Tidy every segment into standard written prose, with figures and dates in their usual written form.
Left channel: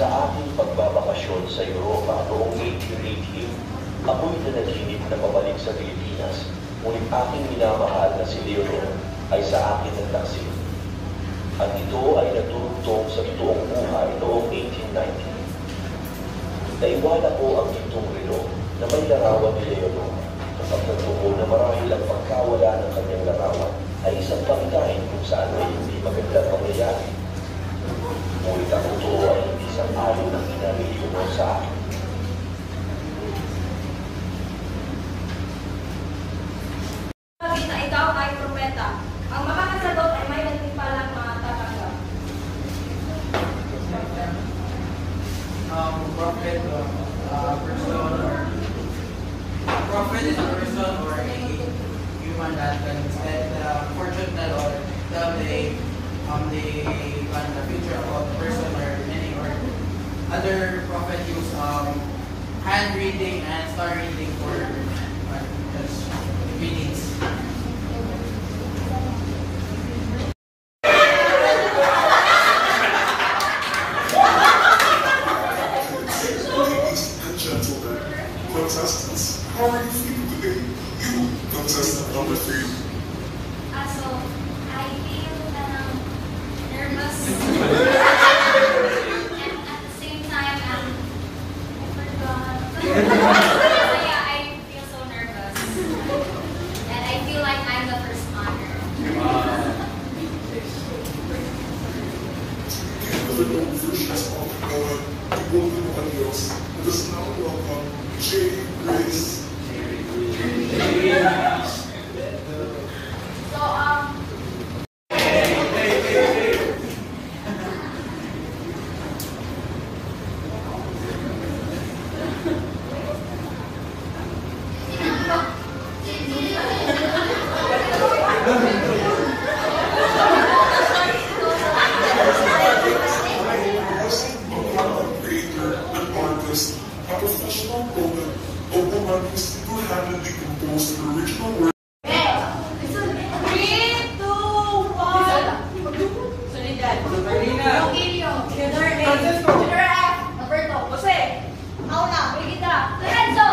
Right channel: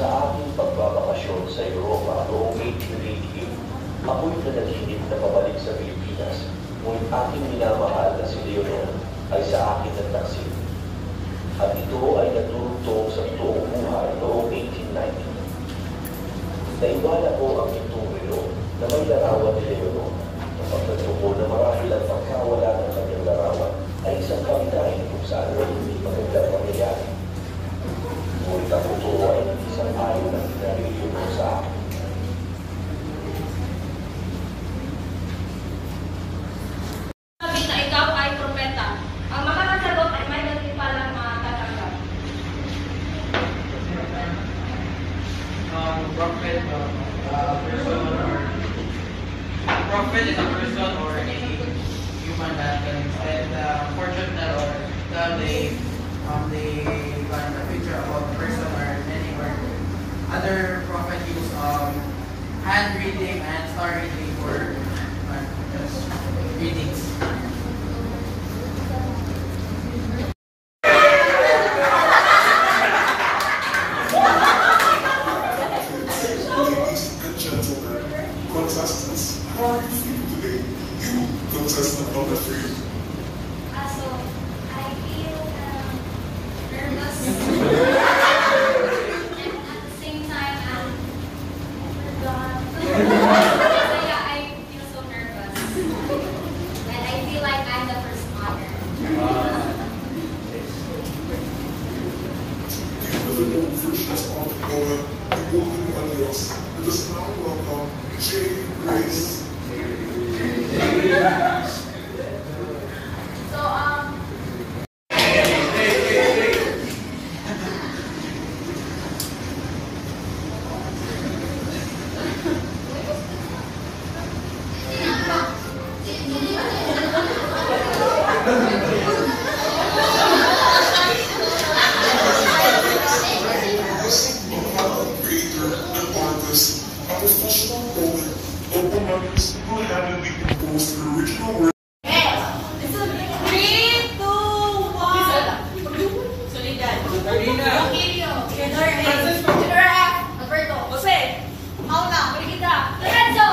sa ating pagbabakasyon sa Europa noong 1888, ako'y nanahimik na pabalik sa Pilipinas, ngunit aking minamahal na si Leonor ay sa akin nagtaksil. At ito ay naturugtong sa totoong buhay noong 1890. Naiwala ko ang itong relo na may larawan ni Leonor. Masapagpo ko na marahil ang pagkawala ng kanyang larawan ay isang pagkain kung saan ay hindi magandang pangyayari. Ngunit ang ito ay isang alin na pinariliyon mo sa akin. Sabi na ikaw ay propeta. Ang makakasagot ay may nagtipalang mga tatanggap. Prophet is a person or a human that can extend the fortune or tell the future about the person or any or other prophet use hand reading and star reading for readings. Ladies and gentlemen, contestants, how are you feeling today? You, contestant number 3. So, I feel nervous. And at the same time, I forgot. So yeah, I feel so nervous. And I feel like I'm the first honor. With the versions of Noel, the Golden Adios, let us now welcome Jay Grace. So, Creator and artist, a professional poet, a woman who single-handedly composed the original work. 3, 2, 1. Solidad. Rogelio. Leonor A. Leonor F. Alberto. Jose. Paula. Brigida. Lorenzo.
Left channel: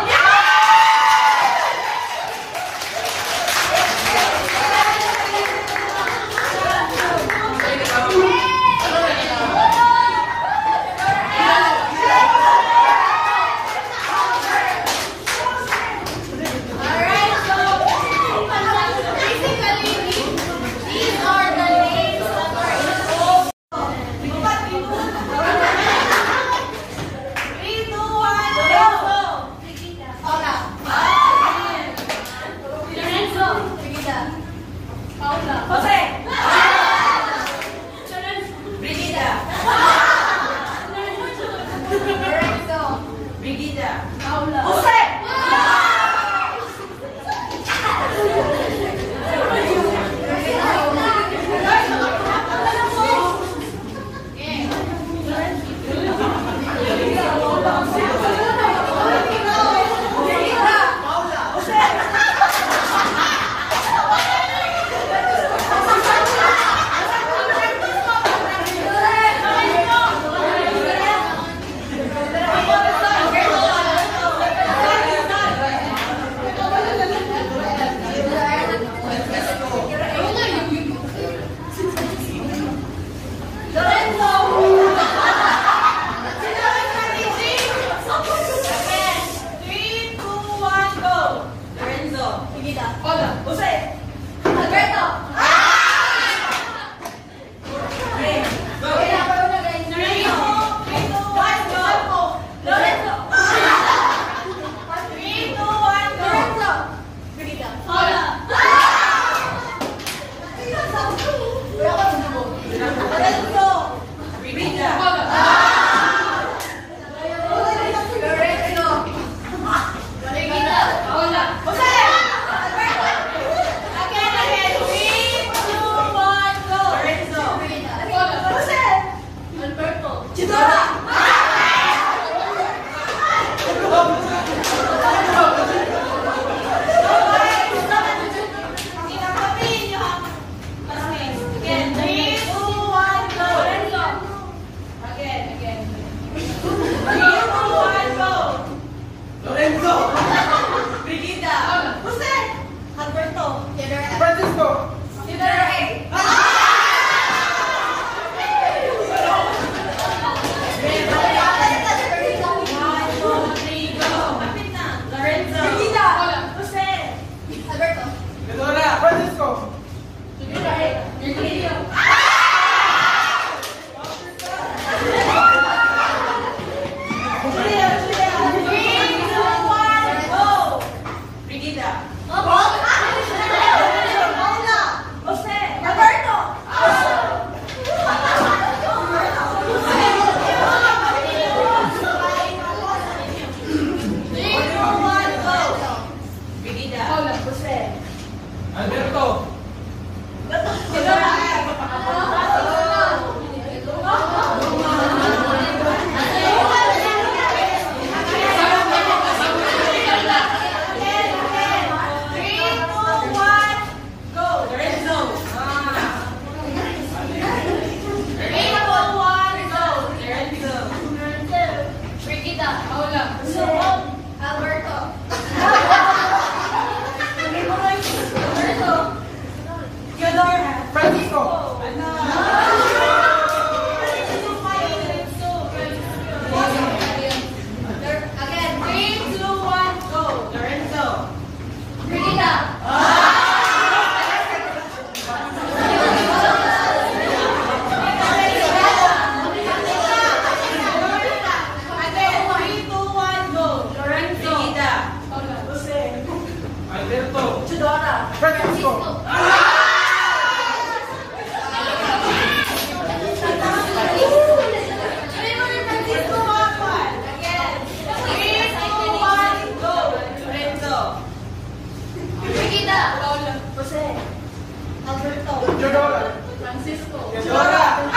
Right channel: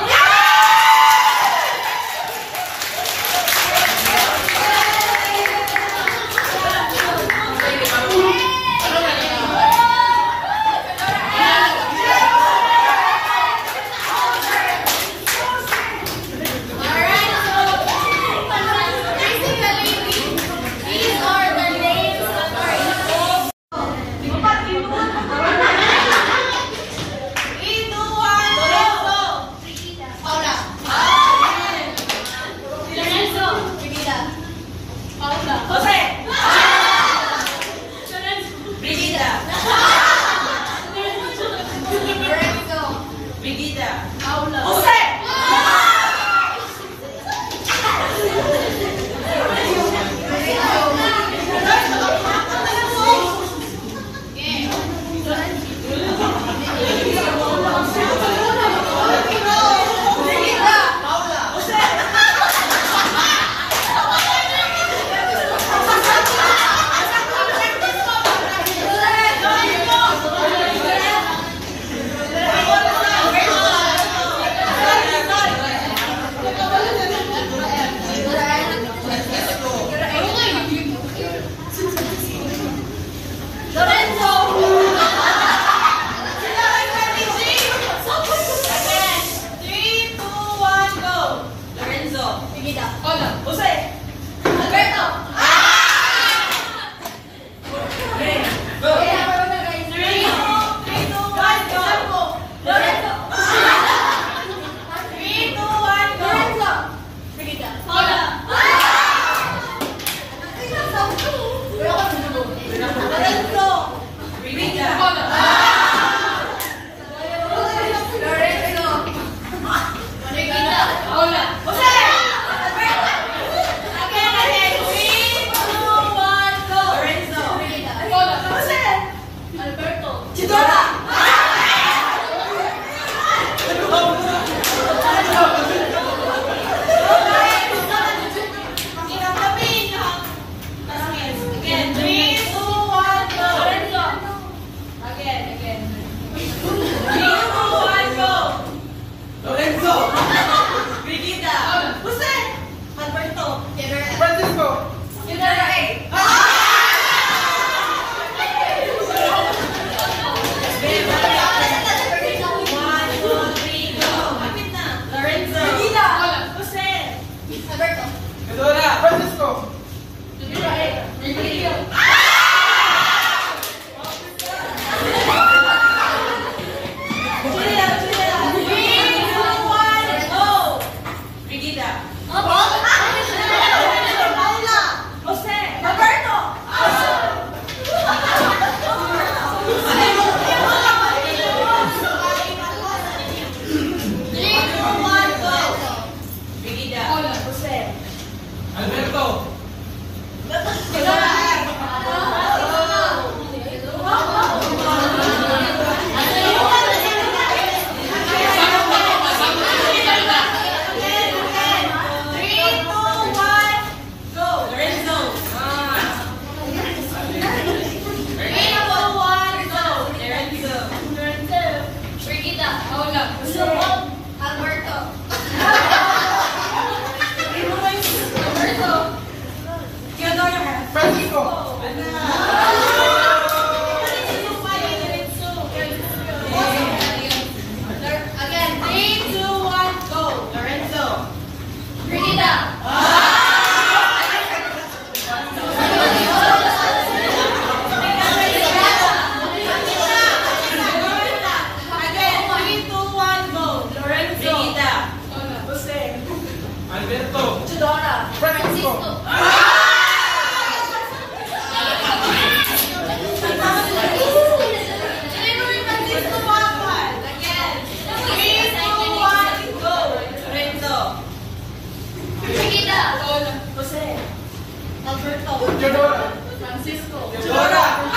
Jodora. Francisco. Jodora.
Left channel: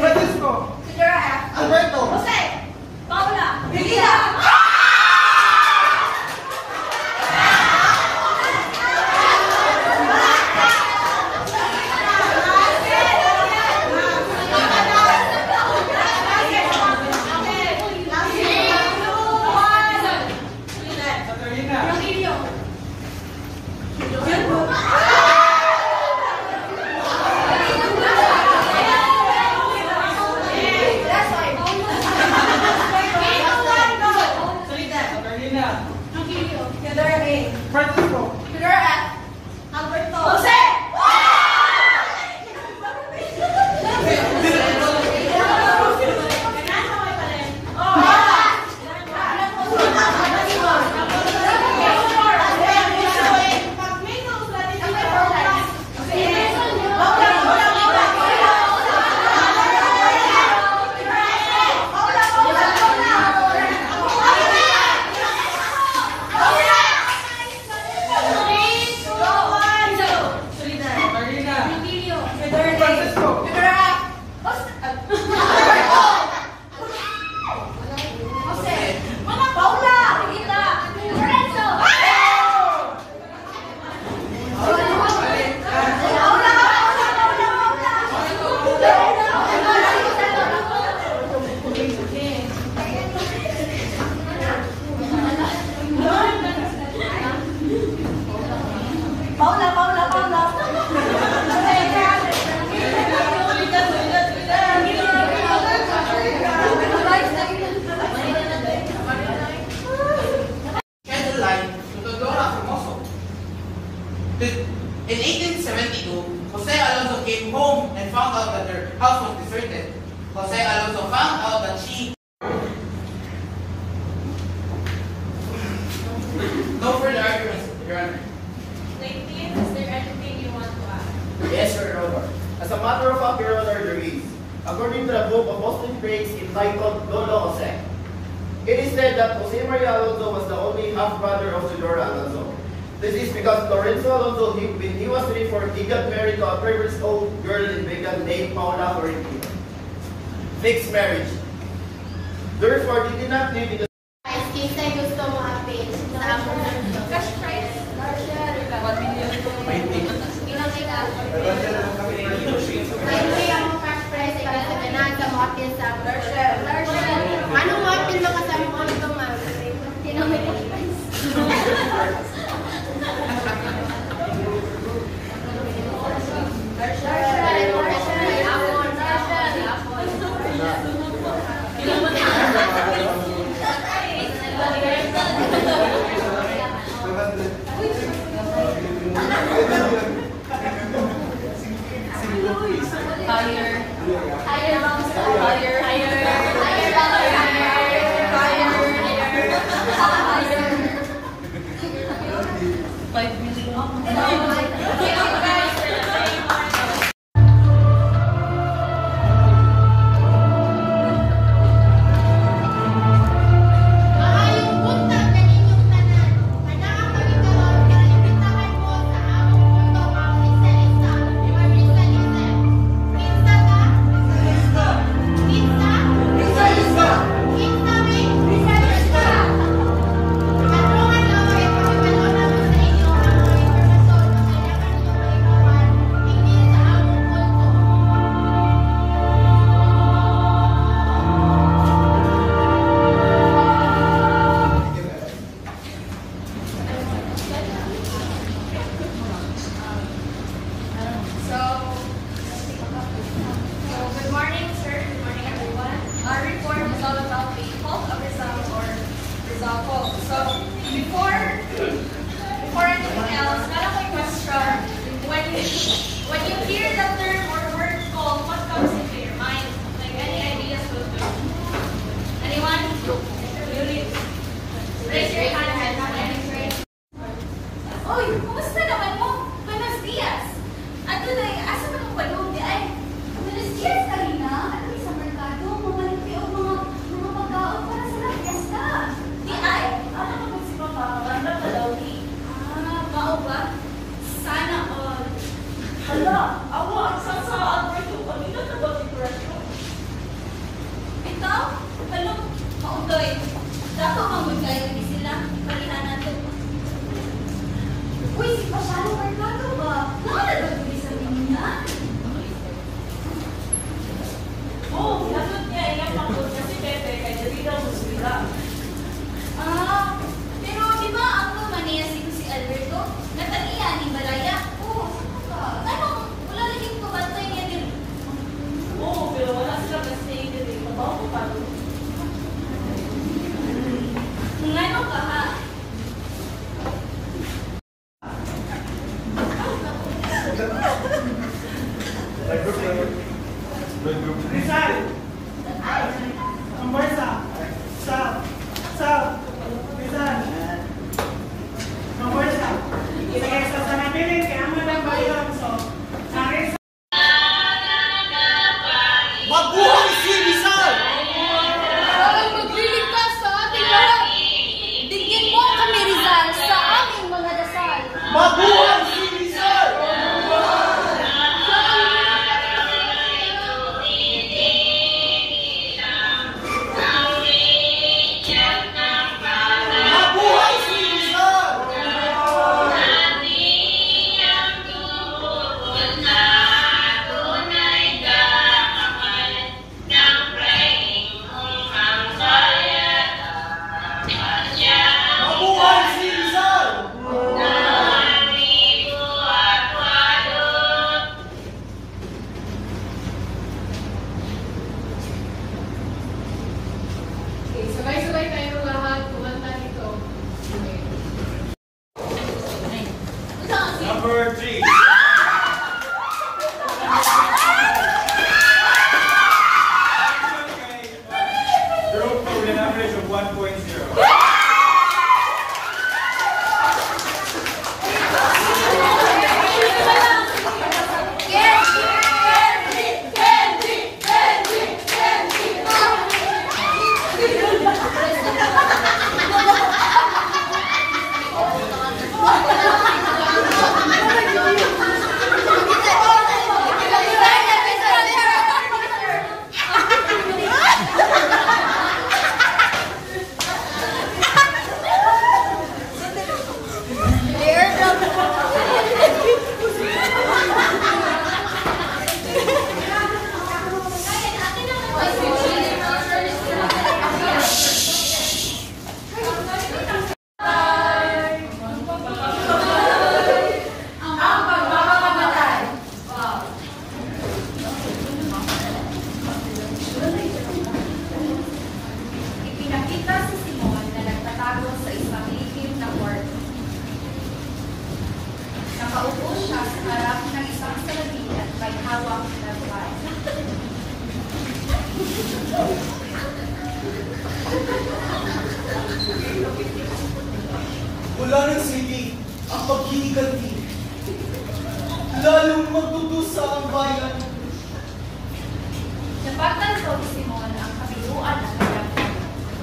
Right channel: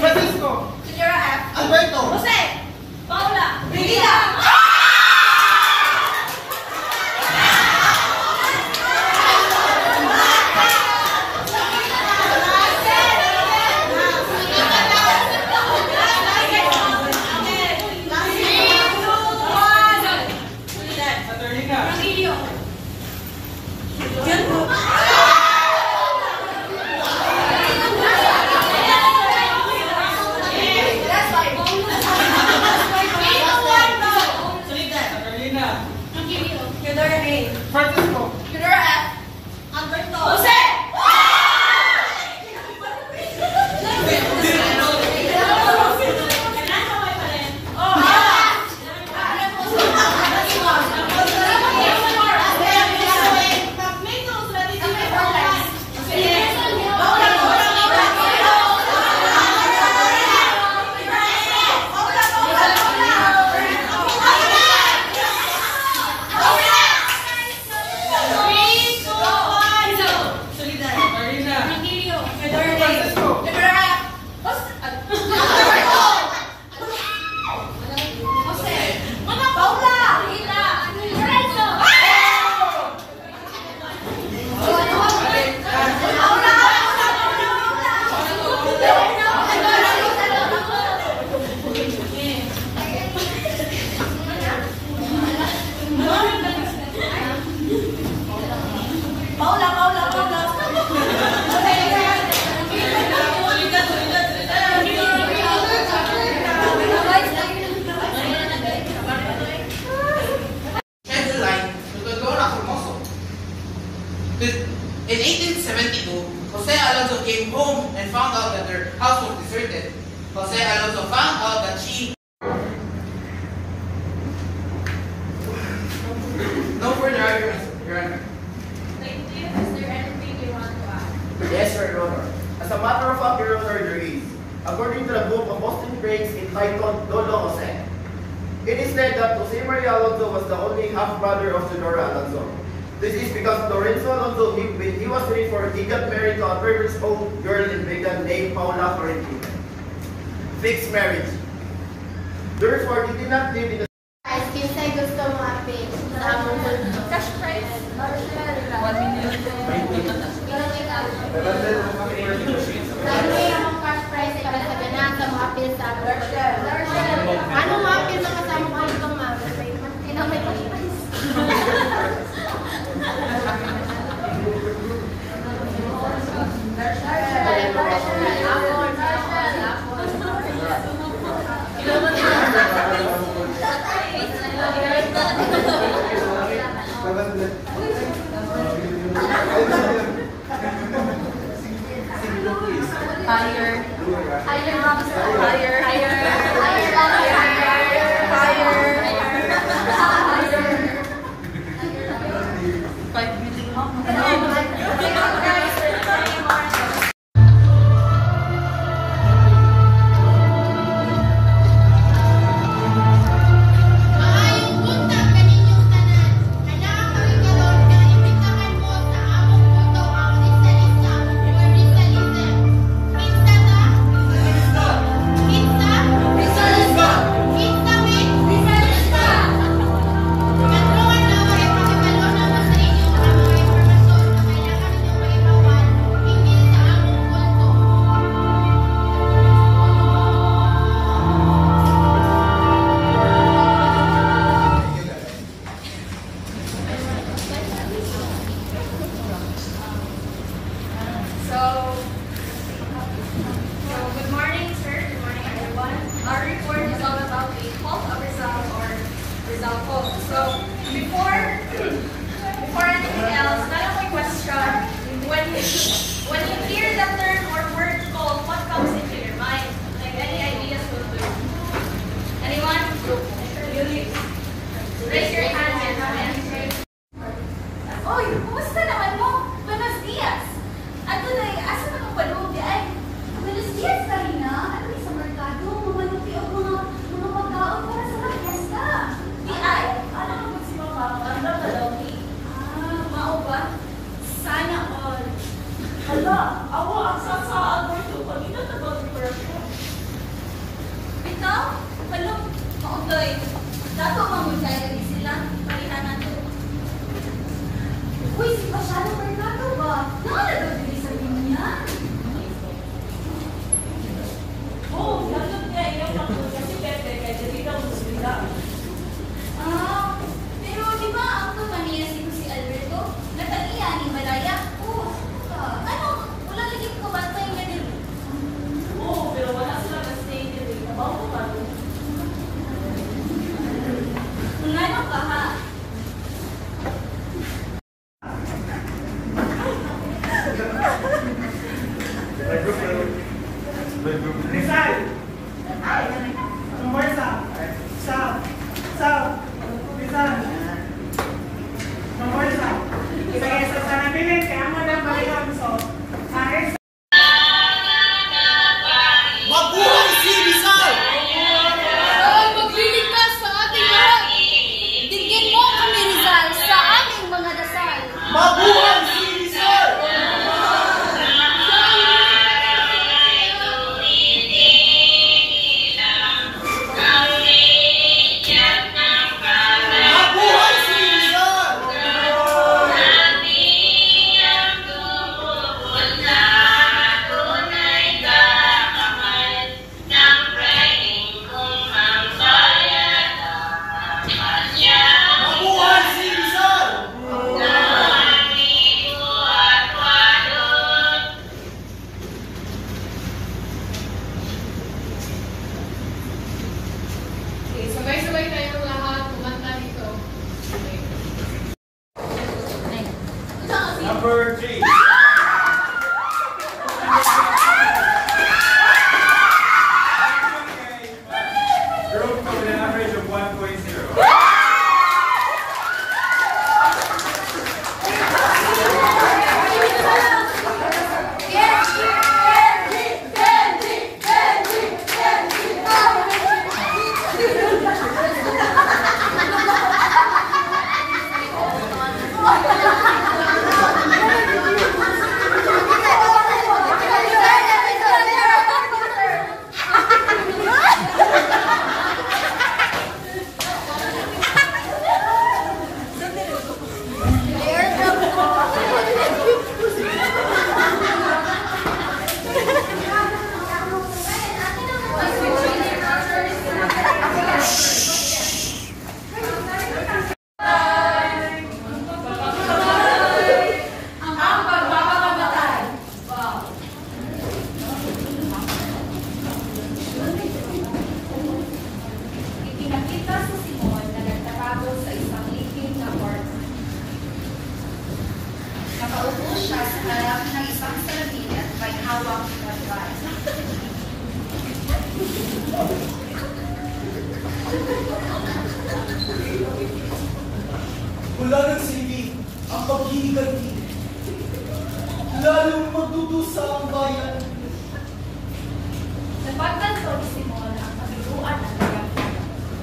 Francisco. Alberto. Jose. Paula. Regina. Francisco. Alberto. Jose. In 1872, Jose Alonso came home and found out that their house was deserted. Jose Alonso found out that she... No further arguments, Your Honor. Is there anything you want to add? Yes, Your Honor. As a matter of fact, Your Honor, there is. According to the book of Boston Grades entitled Lolo Jose, it is said that Jose Maria Alonso was the only half-brother of Teodora Alonso. This is because Lorenzo Alonso, when he was 24, he got married to a 12-year-old girl in Vegas named Paula Florentino. Fixed marriage. Therefore, he did not live in the... Kinsay gusto mo update sa among cash prize? Dahil among cash prize ay kasaganan sa mga appeal sa anong mga appeal makasama ko ito, ma'am? Sino may cash prize? Sa Hala, awa ang sasaan mo ito. Kanina na ba depression? Ito? Hala, maundoy. Dato mamunday lagi sila. Palihanan to. Uy, si Pasalo Mercado ba? Nakalagot din sa niya. Oo, hinatod niya iyang pangkod niya si Pepe kay dali daw sila. Ah, pero di ba ang tumaniya si Alberto? Nataniya ni Malaya? Oo, ka. Ano? Wala lagi ko bantay niya din. Oo, pero wala sila kasi dali. Mabaw ko ba? Ngano ka ha? Rizal! Pambarsa! Sal! Rizal! Pambarsa! Saya sa sanabilin, kaya mo lang ba yun? So, Rizal! Mabuhay si Rizal! Ay, magliligtas sa ating lahat. Bigyan mo kami, Rizal, sa aming mga dasal. Mabuhay si Rizal! Mabuhay si Rizal! Mabuhay si Rizal! Okay, sabay-sabay tayong lahat kumanta dito. Okay. Number 3. Drove with an average of 1.0. Ipinakita si Simon na nagtatago sa isang likim na kwarto. Nakaupo siya sa harap ng isang salamin at may hawak na buwan. Wala nang silbi ang paghihiganti. Lalong magdudusa ang bayan. Napatan ko ni Simon ang kabiluan ng kwarto.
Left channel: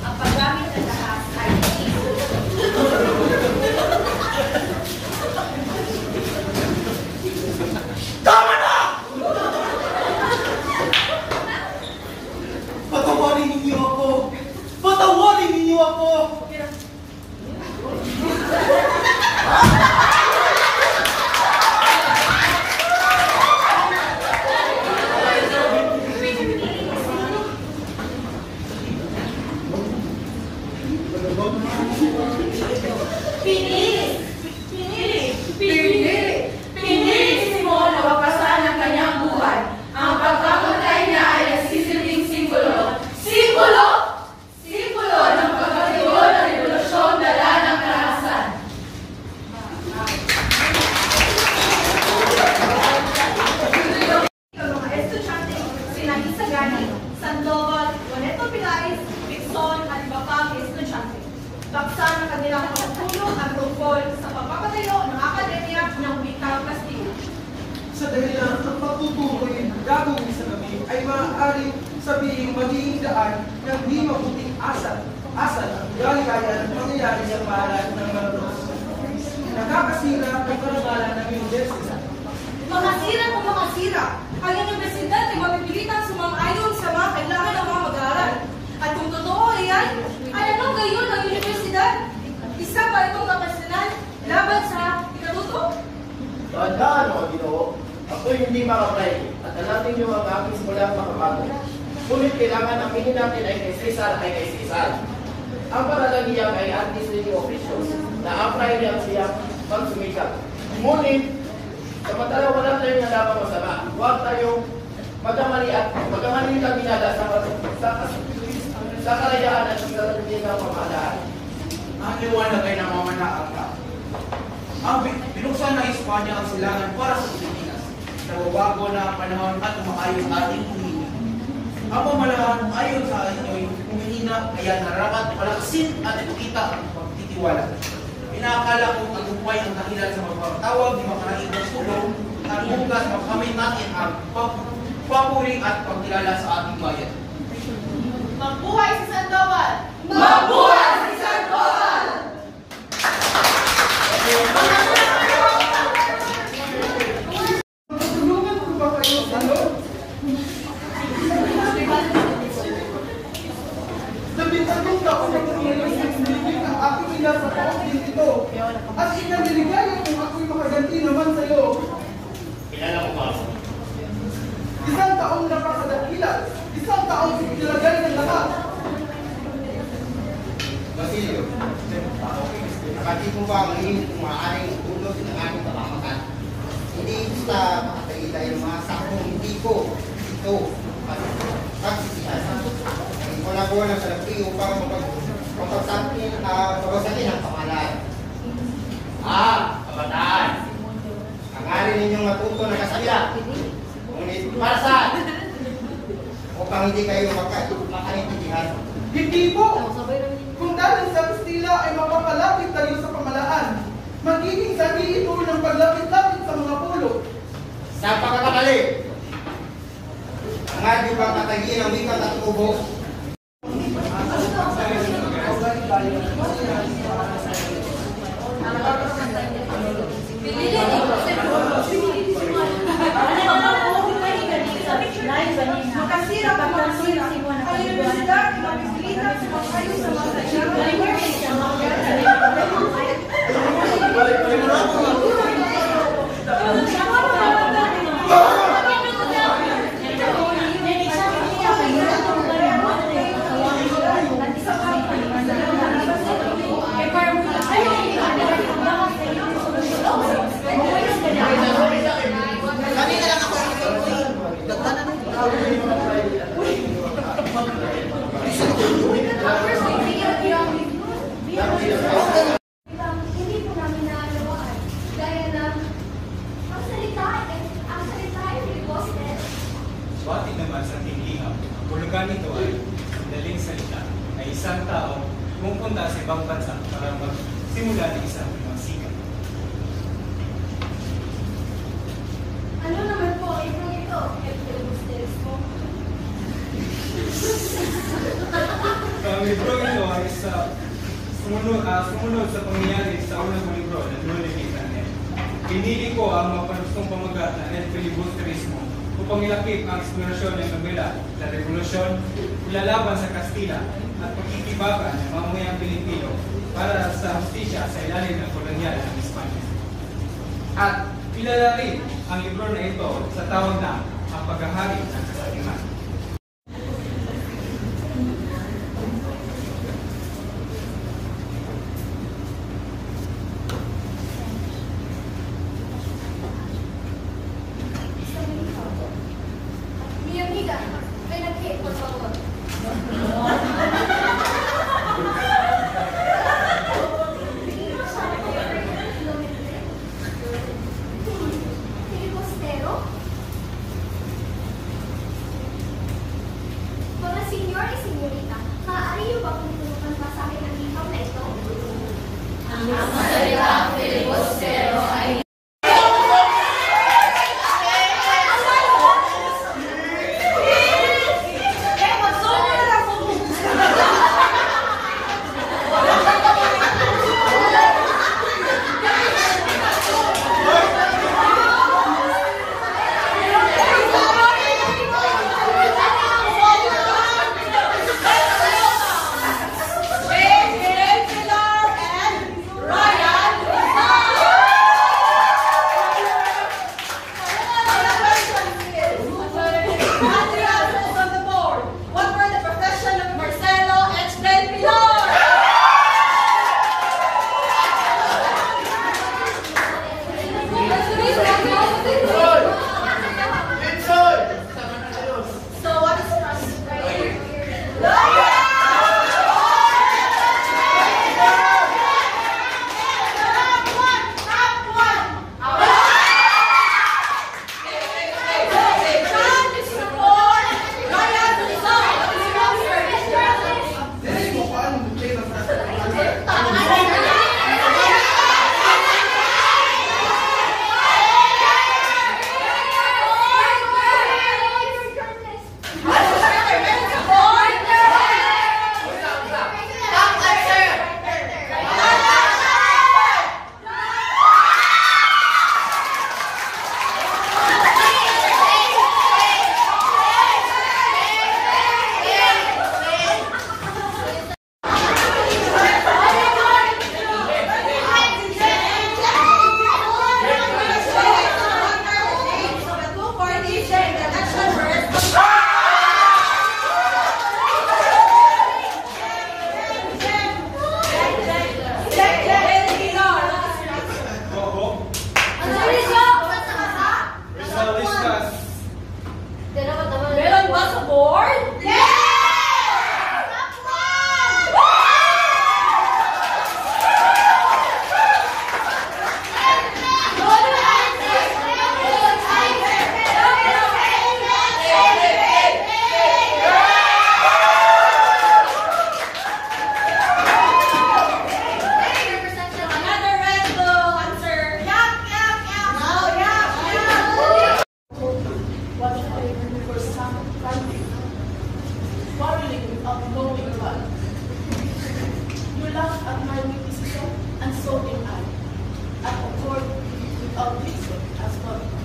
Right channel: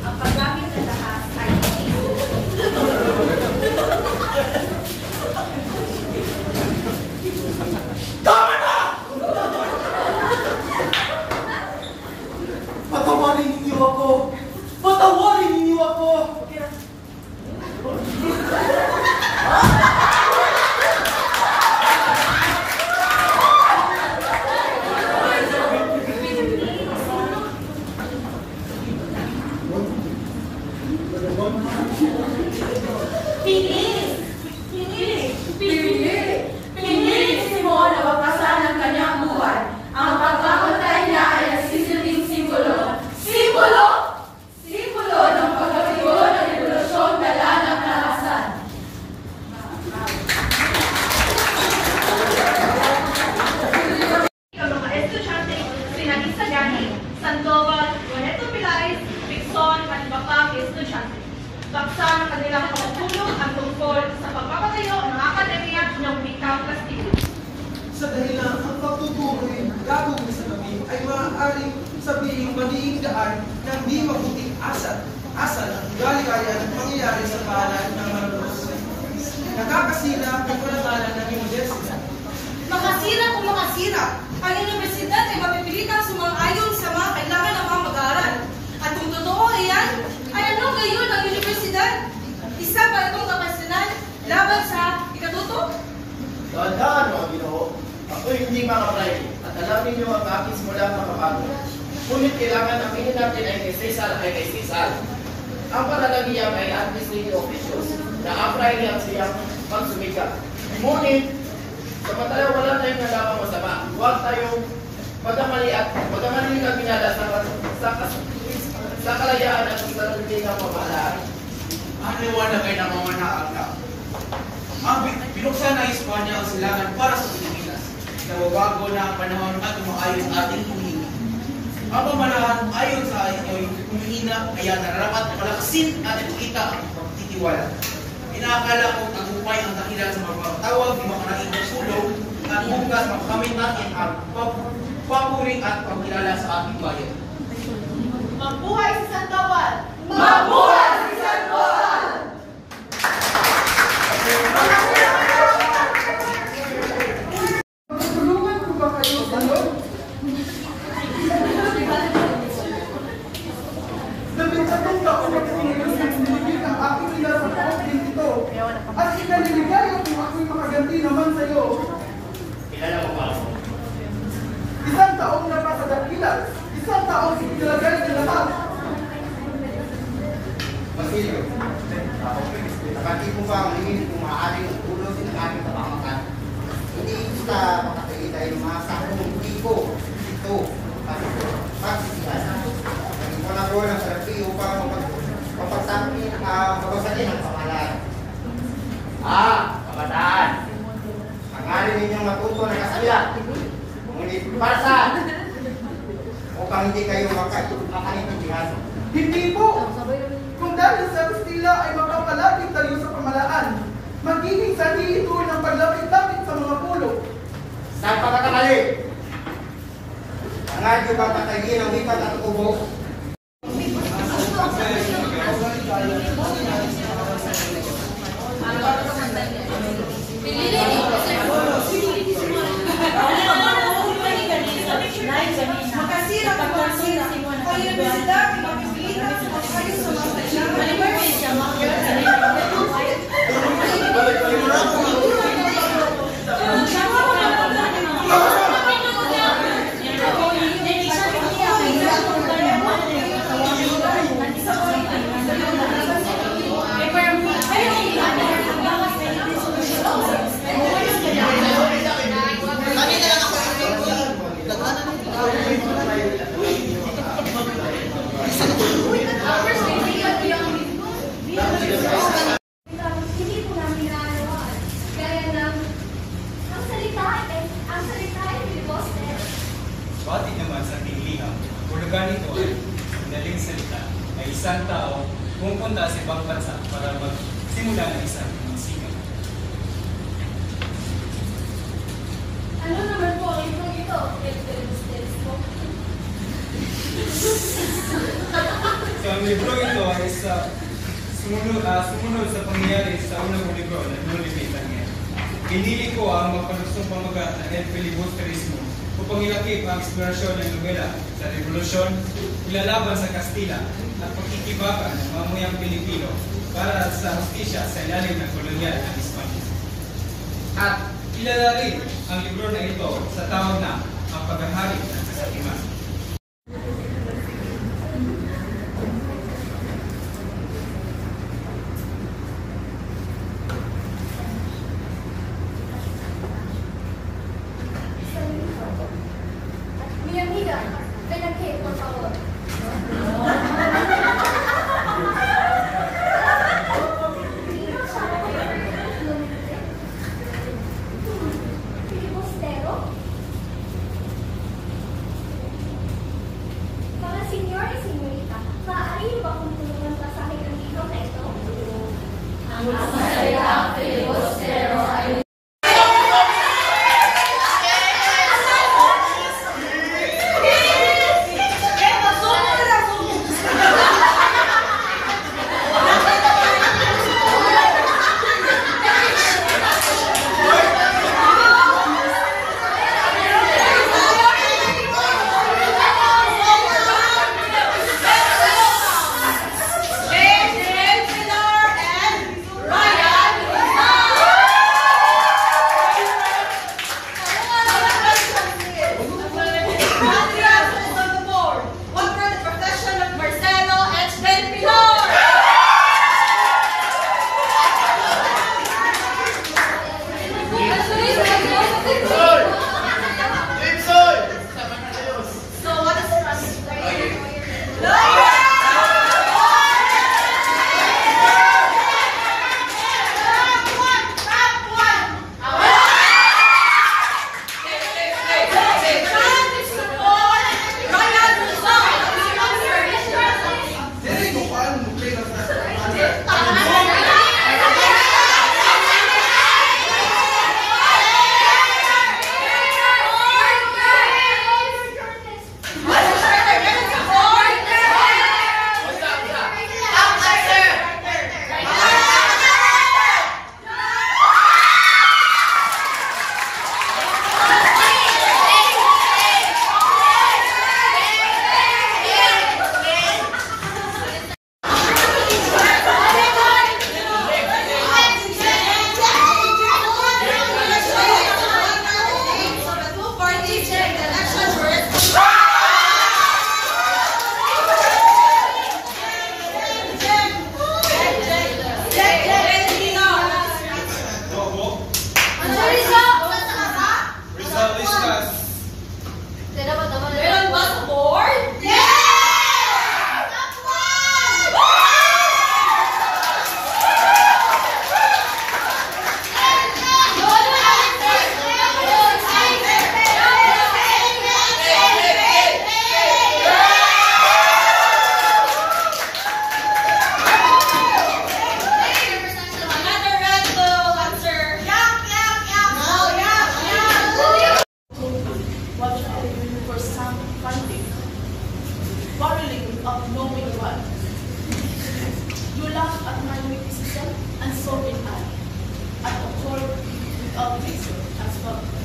Ang paggamit ng lahas ay Tama na! Patawarin ninyo ako! Patawarin ninyo ako! Pinili! Si Simon na wakasan ang kanyang buhay. Ang pagkamatay niya ay nagsisilbing simbolo. Simbolo ng pagkatigo ng revolusyon dala ng karahasan. Ang mga estudyante, sina Isagani, Sandoval, Juaneto Pilares, Dixon at iba pang estudyante. Baksa ng kanilang pagtulong ang tungkol sa pagpapatayo ng akademya ng Wikang Kastilyo. Sa dahilan ang pagtutuloy gagawin sa gabi ay maaaring sabihin magiging daan ng di mabuting asal ang galigaya at mangyayari sa bayan ng Maranos. Nakakasira ang kalagayan ng universidad. makasira Tandaan mo, Ginoo, ako'y hindi makaprivate at alam ninyo ang aking simulang makabago. Ngunit kailangan ang tingin natin ay kay Cesar. Ang patalagiya ay administrative officials na apply niya siyang pagsumikat. Ngunit, samantala wala tayong nalabang masama. Huwag tayong magkamali lang binala sa kalayaan at sa hindi ng pamahalaan. Ang liwanag ay namamanaan ka. Ang binuksan ng Espanya ang silangan para sa Pilipinas. Nawawago na ang panahon at umaayon ating humingi. Ang pamahalaan ayon sa inyo'y humihina kaya nararapat palakasin at ipakita ang pagtitiwala. Inaakala kong tagumpay ang dahilan sa magpapatawag di makaraing sulong at hugas makamit natin ang papuring at pagkilala sa ating bayan. Mabuhay si Sandoval! Mabuhay si Sandoval! Matulungan ko ba kayo sa loob? Labing-tatong taon na pumulong sa Pilipin ang aking ina sa taong din ito. At ikaniligayo kung ako'y makaganti naman sa iyo. Kilala ko ba? Isang taong napakadakilat. Isang taong nilagay ng lahat. Basilio, nakatid mo ba ang lingin kung maaaring ulot ng aking kapamakan? Hindi basta makakita yung mga sakong hindi ko ito pagsisipan. Naging ko na ko ng salapi upang mapagsakin ang pamahalaan. Kabataan! Hangarin ninyong matuto na kasalya. Ngunit para saan? Mukhang hindi kayo makaintindihan. Hindi po! Kung dahil sa Kastila ay makapalapit tayo sa pamalaan, magiging sarili ito ng paglapit-lapit sa mga pulo. Sa pagkakamali, ang adyo bang patayin ang wikat at kubo? Makasira pa po ang universidad, mapipilitan sa pagkayo sa mga Hindi po namin naalawan. Gaya ng, ang salita ay filibuster. Swati naman sa tinglihang, ang hulugan nito ay sandaling salita na isang tao pumunta sa ibang bansa para magsimula ng isang sikat. Ano naman po ito? Filibusteris po. So ang libro ito ay sumunod sa pangyayari sa unang libro na nulimitan ngayon. Pinili ko ang mapalusong pamagat na El Filibusterismo upang ilakip ang eksplorasyon ng nobela sa revolusyon, ilalaban sa Kastila at pagkitibagan ng mamuyang Pilipino para sa hustisya sa ilalim ng kolonyal ng Espanya. At ilala rin ang libro na ito sa tawag na ang paghahari ng kasakiman. Mi amiga, ven aquí, por favor. Filibustero?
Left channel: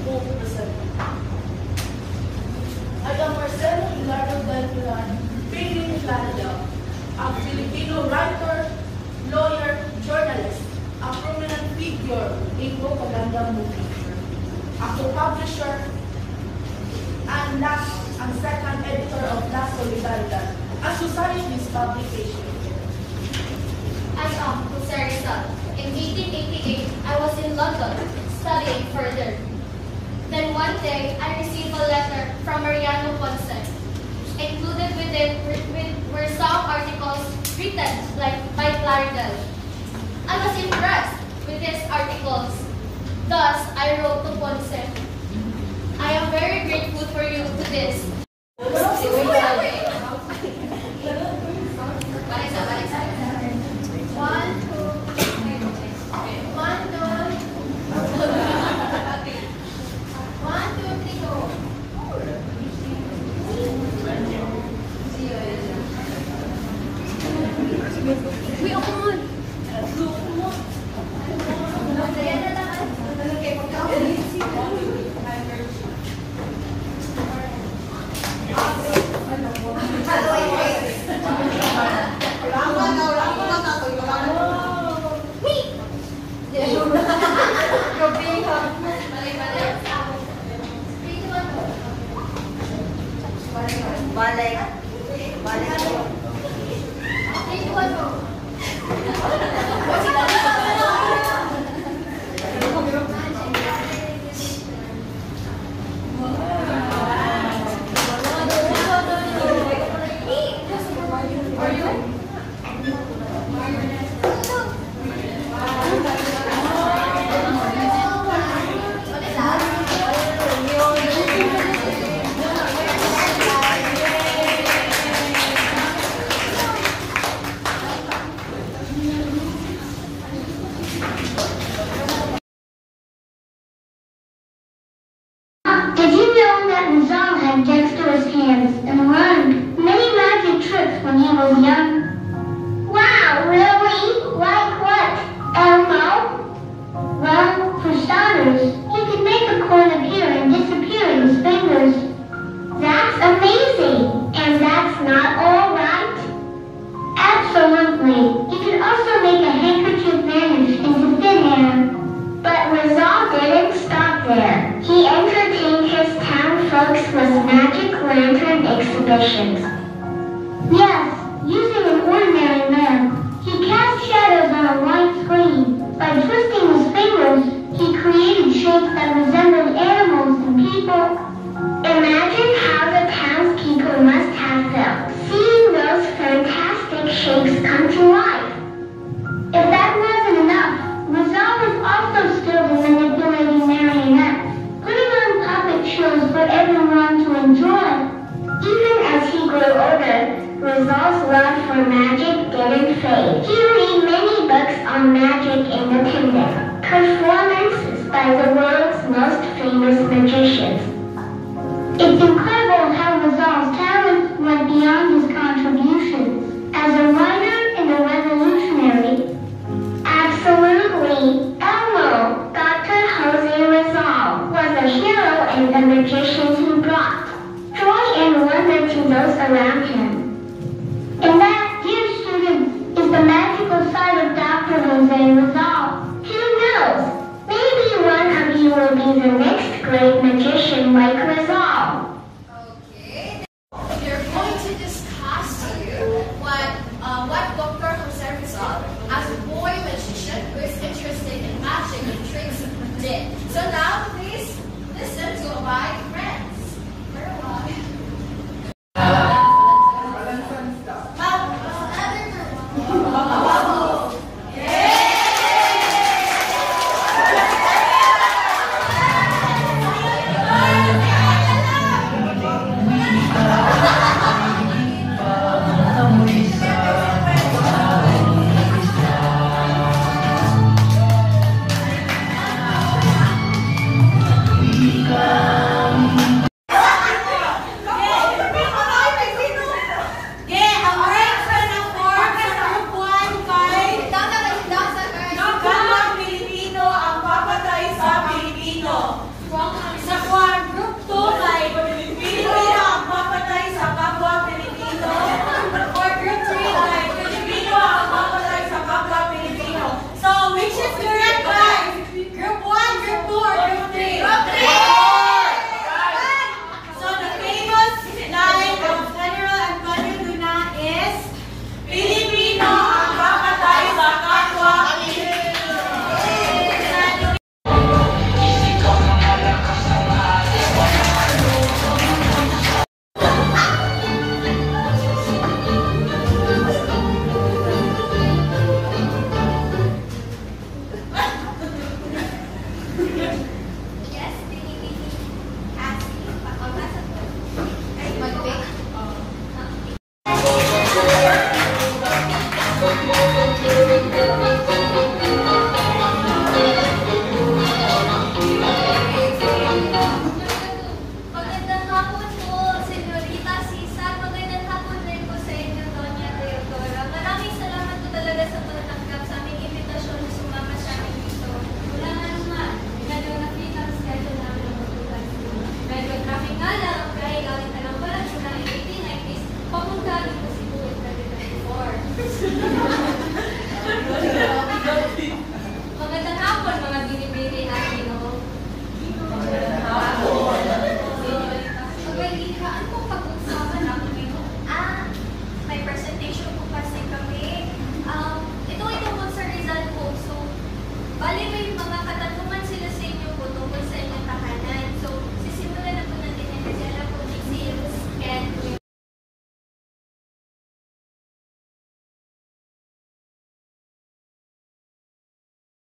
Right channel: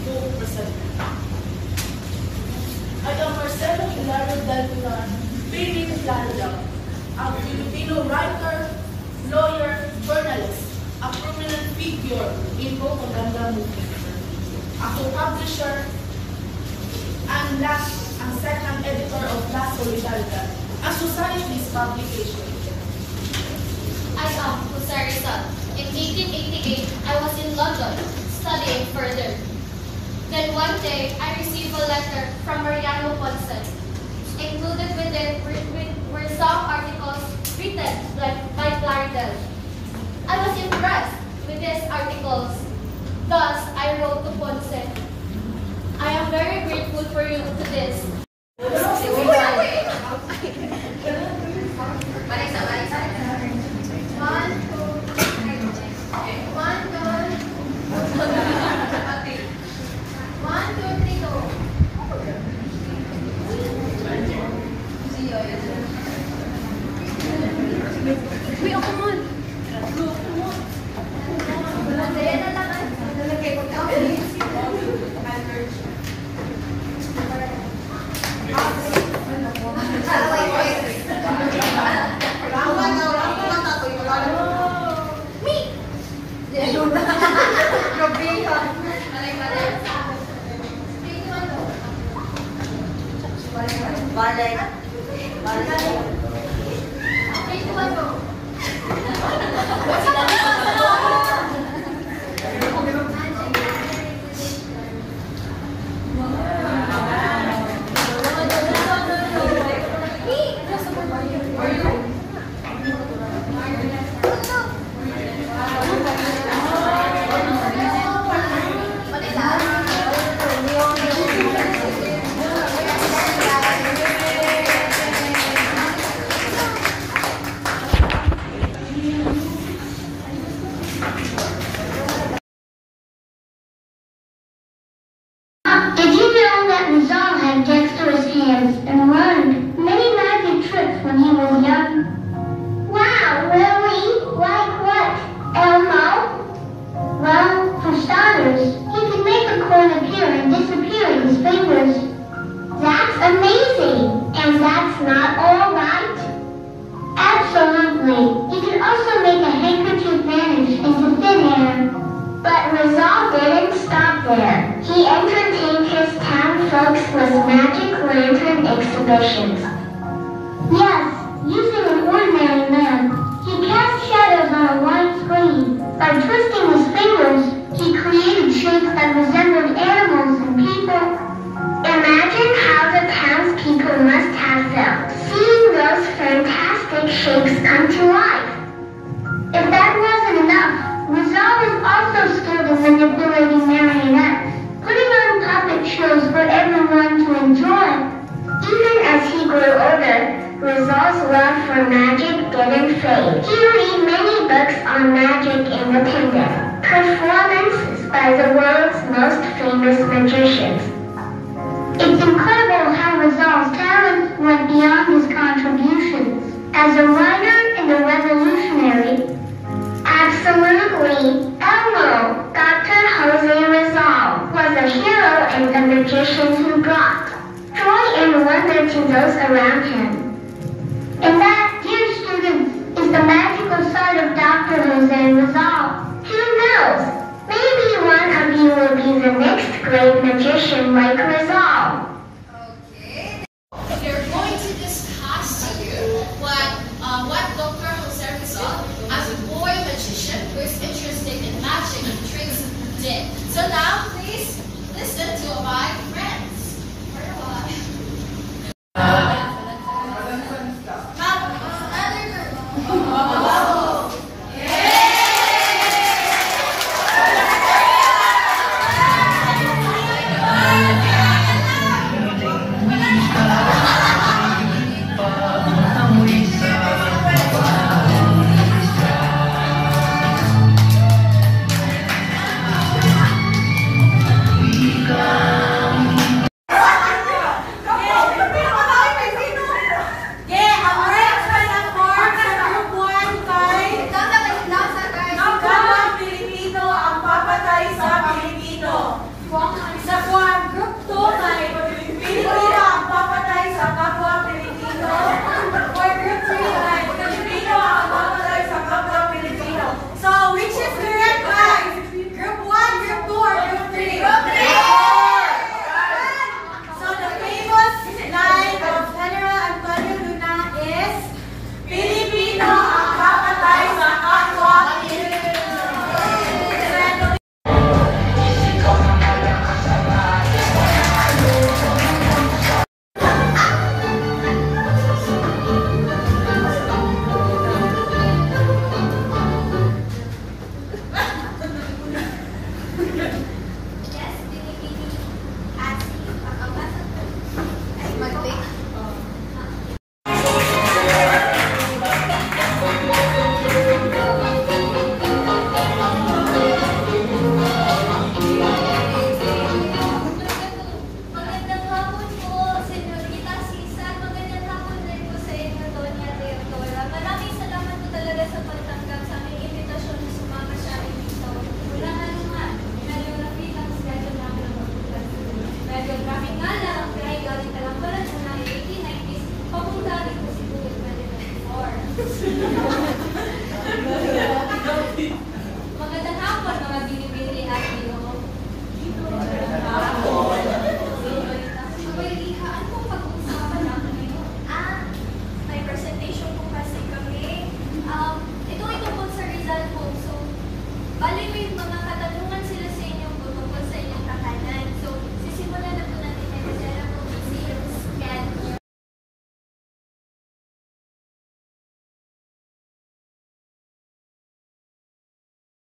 to present. I am Marcelo Hilario Dalpuran, Philip Planilla, a Filipino writer, lawyer, journalist, a prominent figure in propaganda movement. A co-publisher and second editor of La Solidaridad, a socialist publication. I am Jose Rizal. In 1888, I was in London studying further. Then one day, I received a letter from Mariano Ponce. Included with it were some articles written by Clarendon. I was impressed with these articles. Thus, I wrote to Ponce. I am very grateful for you to this. Did you know that Rizal had dexterous hands and learned many magic tricks when he was young? Wow, really? Like what, Elmo? Well, for starters, he could make a coin appear and disappear in his fingers. That's amazing! And that's not all right? Absolutely. He could also make a handkerchief vanish into thin air. But Rizal didn't stop there. He entertained his town folks with magic lantern exhibitions. Yes, using an ordinary lamp, he cast shadows on a white screen. By twisting his fingers, he created shapes that resembled animals and people. Imagine how the townspeople must have felt, seeing those fantastic shapes come to life. If that wasn't enough, Rizal was also skilled in manipulating marionettes, putting on puppet shows for everyone to enjoy. Even as he grew older, Rizal's love for magic didn't fade. He read many books on magic independent, performances by the world's most famous magicians. It's incredible how Rizal's talents went beyond his contributions. As a writer and a revolutionary, absolutely, Elmo, Dr. Jose Rizal, was a hero and a magician who brought joy and wonder to those around him. And that, dear students, is the magical side of Dr. Jose Rizal. Who knows? Maybe one of you will be the next great magician like Rizal.